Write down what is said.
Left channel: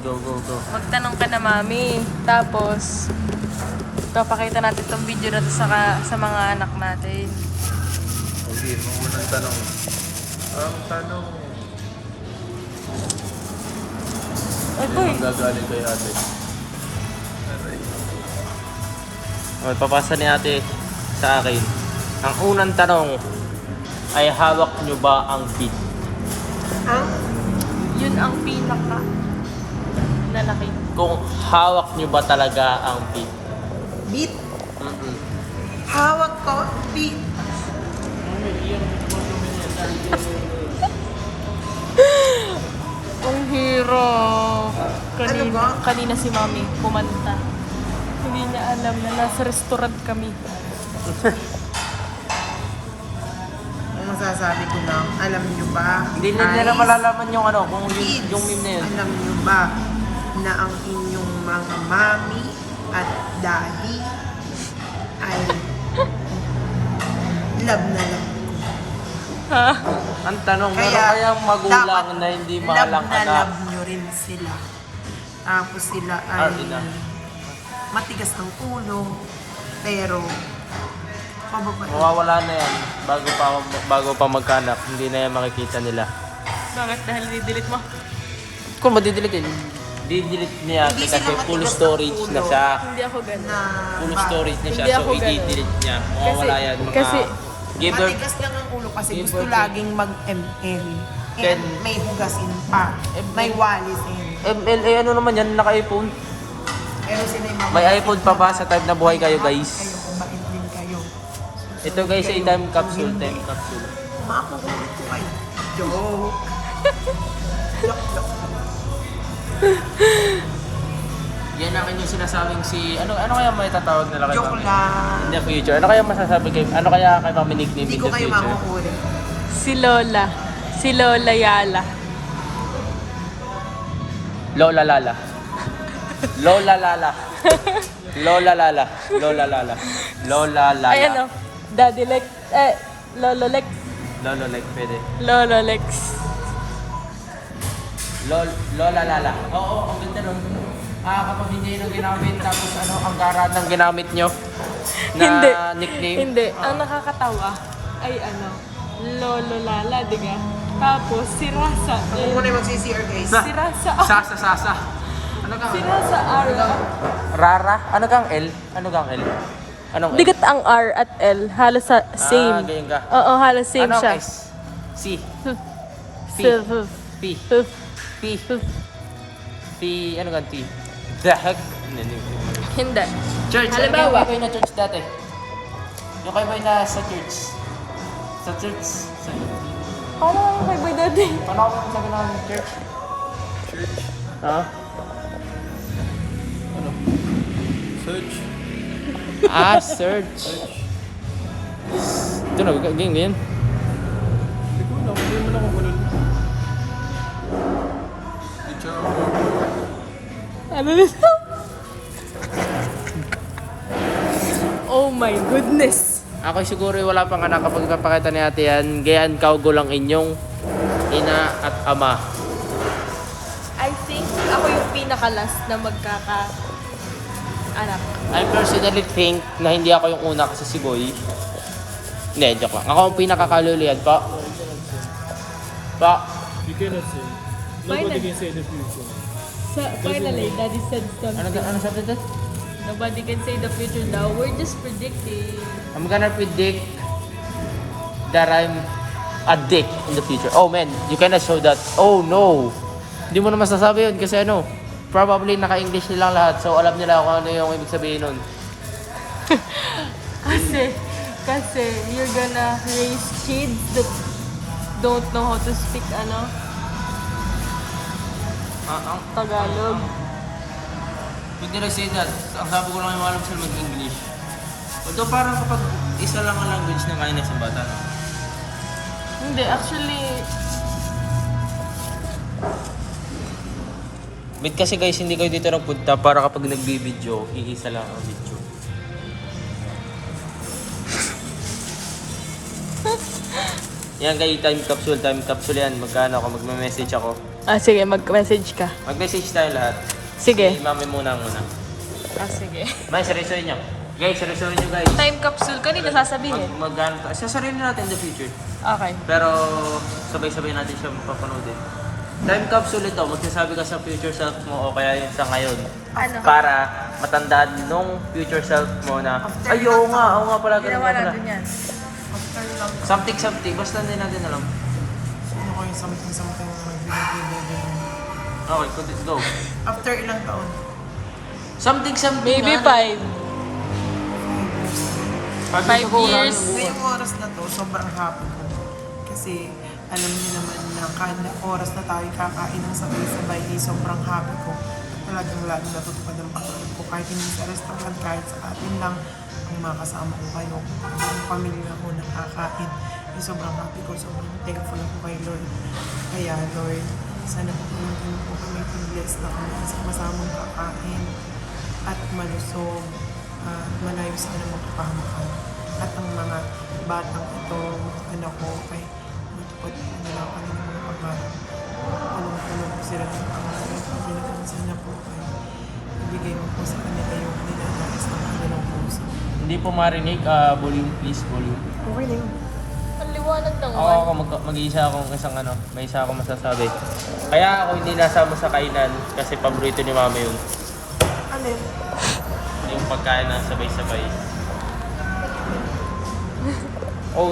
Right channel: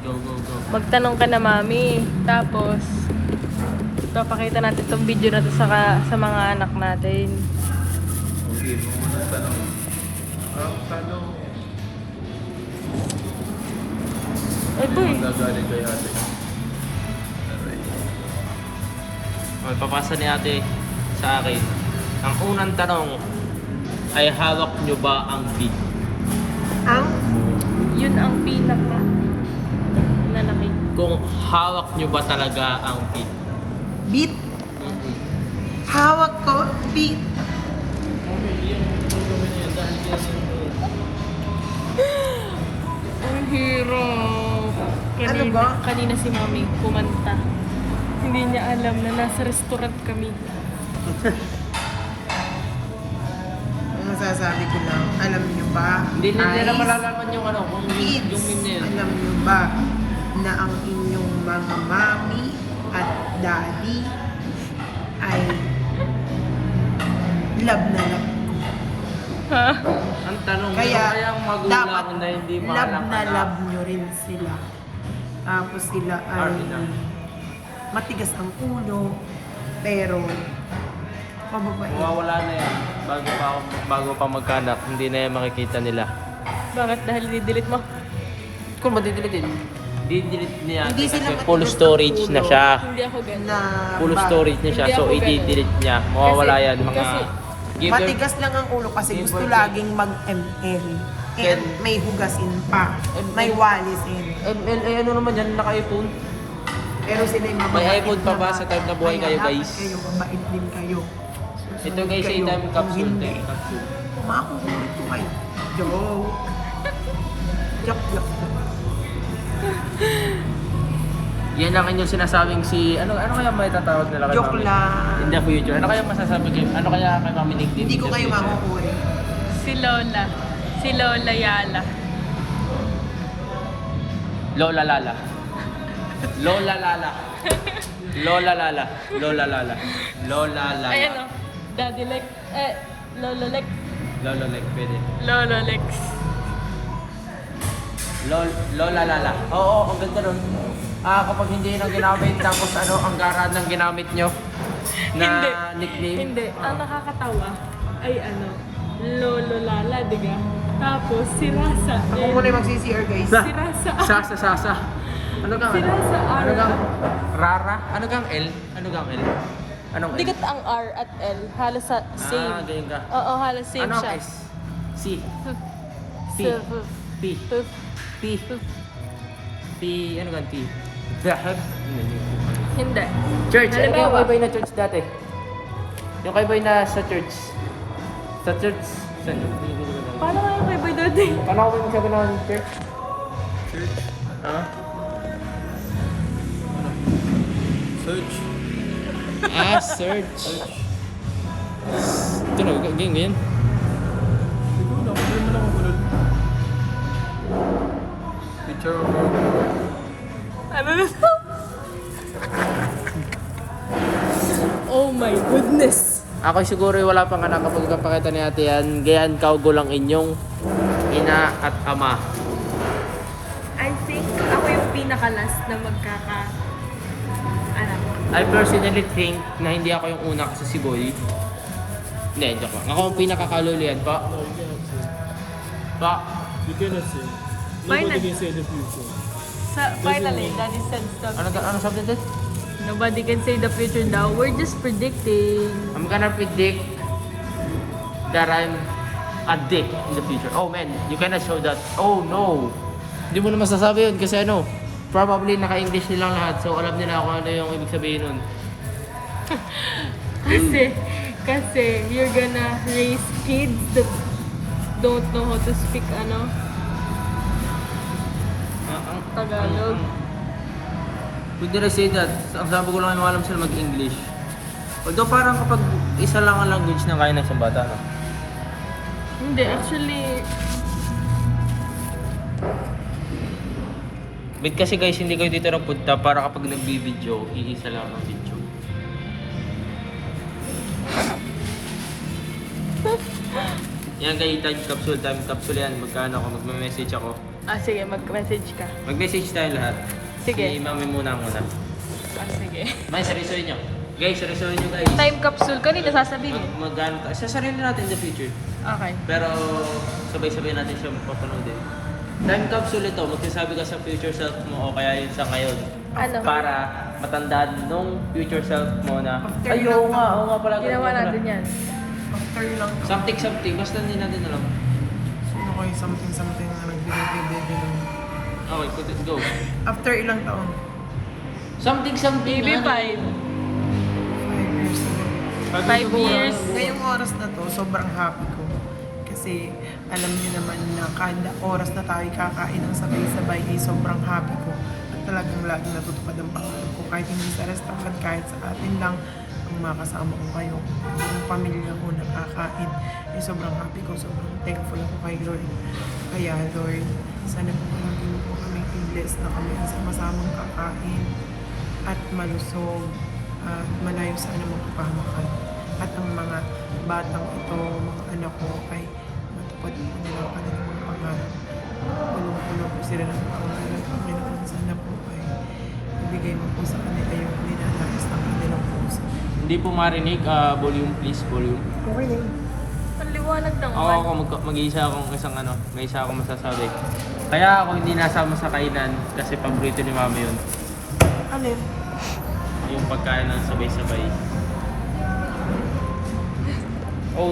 Go, go, go. Magtanong ka na, mami. Tapos, papakita natin tong video na to sa mga anak natin. Okay, mga tanong. Ang tanong. Ay, boy. Gagaling kayo natin. Magpapasa ni ate sa akin. Ang unang tanong ay hawak nyo ba ang beat? Yun ang pinaka nalaki. Kung hawak nyo ba talaga ang beat? Beat. Hawak ko, beat. Ang hirap. Ano ba? Kanina si mami kumanta. Hindi niya alam na nasa restaurant kami. Ang masasabi ko lang, alam nyo ba? Hindi na malalaman yung ano, kung kids, yung meme na yun. alam nyo ba na ang inyong mga mami at daddy ay love na love ko. Ha? Ang tanong, Kaya, ano kaya magulang dapat na hindi love mahalak na ka? love nyo rin sila. Tapos sila ay matigas ang ulo, pero mababait. Mawawala na yan. Bago pa magkanak, hindi na yan makikita nila. Bakit? Dahil didelete mo? Kung madidelete yun, didelete niya Hindi kasi sila full matigas ang storage na ulo. siya. Hindi ako ganun. Na Full ba- storage na siya, Hindi so ako ganun. i-delete niya. Mawawala Kasi- yan. Mga kasi- give her, Matigas lang ang ulo kasi Give gusto birth. laging mag-ML. And may hugasin pa. May walisin. ML, ano naman yan, naka-iPhone. Pero sila yung May mababait iPhone pa ba naman. sa type na buhay kayo, Kaya guys? Kayo, mabait din kayo. Ito guys, ay Kayo, time kung capsule. hindi, Time capsule. makukulit ko kayo. Joke. Joke. Yan ang inyong sinasabing ano kaya may tatawag nila kay Joke Mami? lang. In the future, ano kaya masasabi kayo? Ano kaya kay Mami nickname? Hindi in ko the kayo future? makukulit. Si Lola. Si Lola Yala. Lola Lala. Lola Lala. Lola Lala. Lola Lala. Lola Lala. Ayan o. Daddy Lex. Lolo Lex. Lolo Lex, pwede. Lolo Lex. Lola Lala. Oo, ang ganda nun. Kapag hindi nang ginamit, tapos ano, ang garad ng ginamit nyo na Hindi. nickname. Hindi. Ang nakakatawa ay ano, Lolo Lala, diba? Tapos si Rasa. Ako muna yung mag-CCR guys. Si Rasa. Sasa. Ano kang Si Rasa R. Ano kang Rara? Ano kang L? Ano kang L? Anong L? Bigat ang R at L. Halos same. ganyan ka. Oo, halos same Anong siya. S? C. P. P. P. P. Ano kang T? Dahag. Hindi. Church. Ano Halimbawa. yung kay Boy na church dati? Yung kay Boy na sa church. Sa church. Paano nga yung kay Boy Daddy? Paano ako magsabi ng church? Ha? Ano? Search. Search. Ito na, ganyan. Ikaw na, hindi mo na ako bulol. Picture of Ano nito? Oh my goodness. Ako siguro wala pang anak kapag ipapakita ni ate yan. Gayaan kaugo lang inyong ina at ama. I think ako yung pinaka-last na magkaka-anak. I personally think na hindi ako yung una kasi si Boy. Hindi, joke lang. Ako ang pinakakalulian pa. You cannot say. Nobody can say the future. Finally, Daddy said something. Ano sabi dito? Nobody can say the future daw. We're just predicting. I'm gonna predict that I'm a dick in the future. Oh man, you cannot show that. Oh no. Hindi mo na masasabi yun kasi ano, probably naka-English nilang lahat. So alam nila kung ano yung ibig sabihin nun. Kasi you're gonna raise kids that don't know how to speak Tagalog. Pwede na say that. Ang sabi ko lang yung alam sila mag-English. Although parang kapag isa lang ang language na kaya na isang bata, no? Hindi, actually, Wait kasi guys, hindi kayo dito napunta para kapag nagbi-video, iisa lang ang video. Yan kay time capsule yan. Magkano ako, magme-message ako. Sige, mag-message ka. Mag-message tayo lahat. Sige. Si mami muna ang una. Sige. May seryosohin niyo. Guys, seryosohin niyo guys. Time capsule, kanina sasabihin eh. Magkano, sasarin na natin in the future. Okay. Pero sabay-sabay natin siya mapapanood din. Time capsule ito, magsasabi ka sa future self mo o kaya yung sa ngayon. Ano? Para matandaan nung future self mo na, After ay, ilang oo nga pala. Ginawa natin yan. After lang taon. Something, basta hindi natin alam. Sino ko yung something na nagbibigay ganun. Okay, go. After ilang taon? Something, Maybe ah. 5. 5 years ago. 5 years. Ngayong oras na to, sobrang happy ko. Kasi alam niyo naman na kada oras na tayo kakain ng sabay-sabay ay sobrang happy ko. At talagang laging natutupad ang pangarap ko. Kahit hindi sa restaurant, kahit sa atin lang, ang makasama ko kayo. Buong pamilya ko nakakain. Ay sobrang happy ko, sobrang thankful ako kay Lord. Kaya Lord, sana po maging po kami blessed na kami sa masamang kakain at malusog at malayo sa anong magpapahamakan. At ang mga batang ito, mga anak ko, ay matupad po nila ang kanilang mga pangarap. Tulong-tulong po sila ng pangarap. Panginoon, sana po ay ibigay mo po sa kanila yung ninanais ng kanilang puso. Hindi po marinig, volume please, volume. Okay na yun. Ang liwanag ng Oo, ako mag-iisa akong isang may isa akong masasabi. Kaya ako hindi nasama sa kainan kasi paborito ni mami yun. Ano yun? Yung pagkain ng sabay-sabay.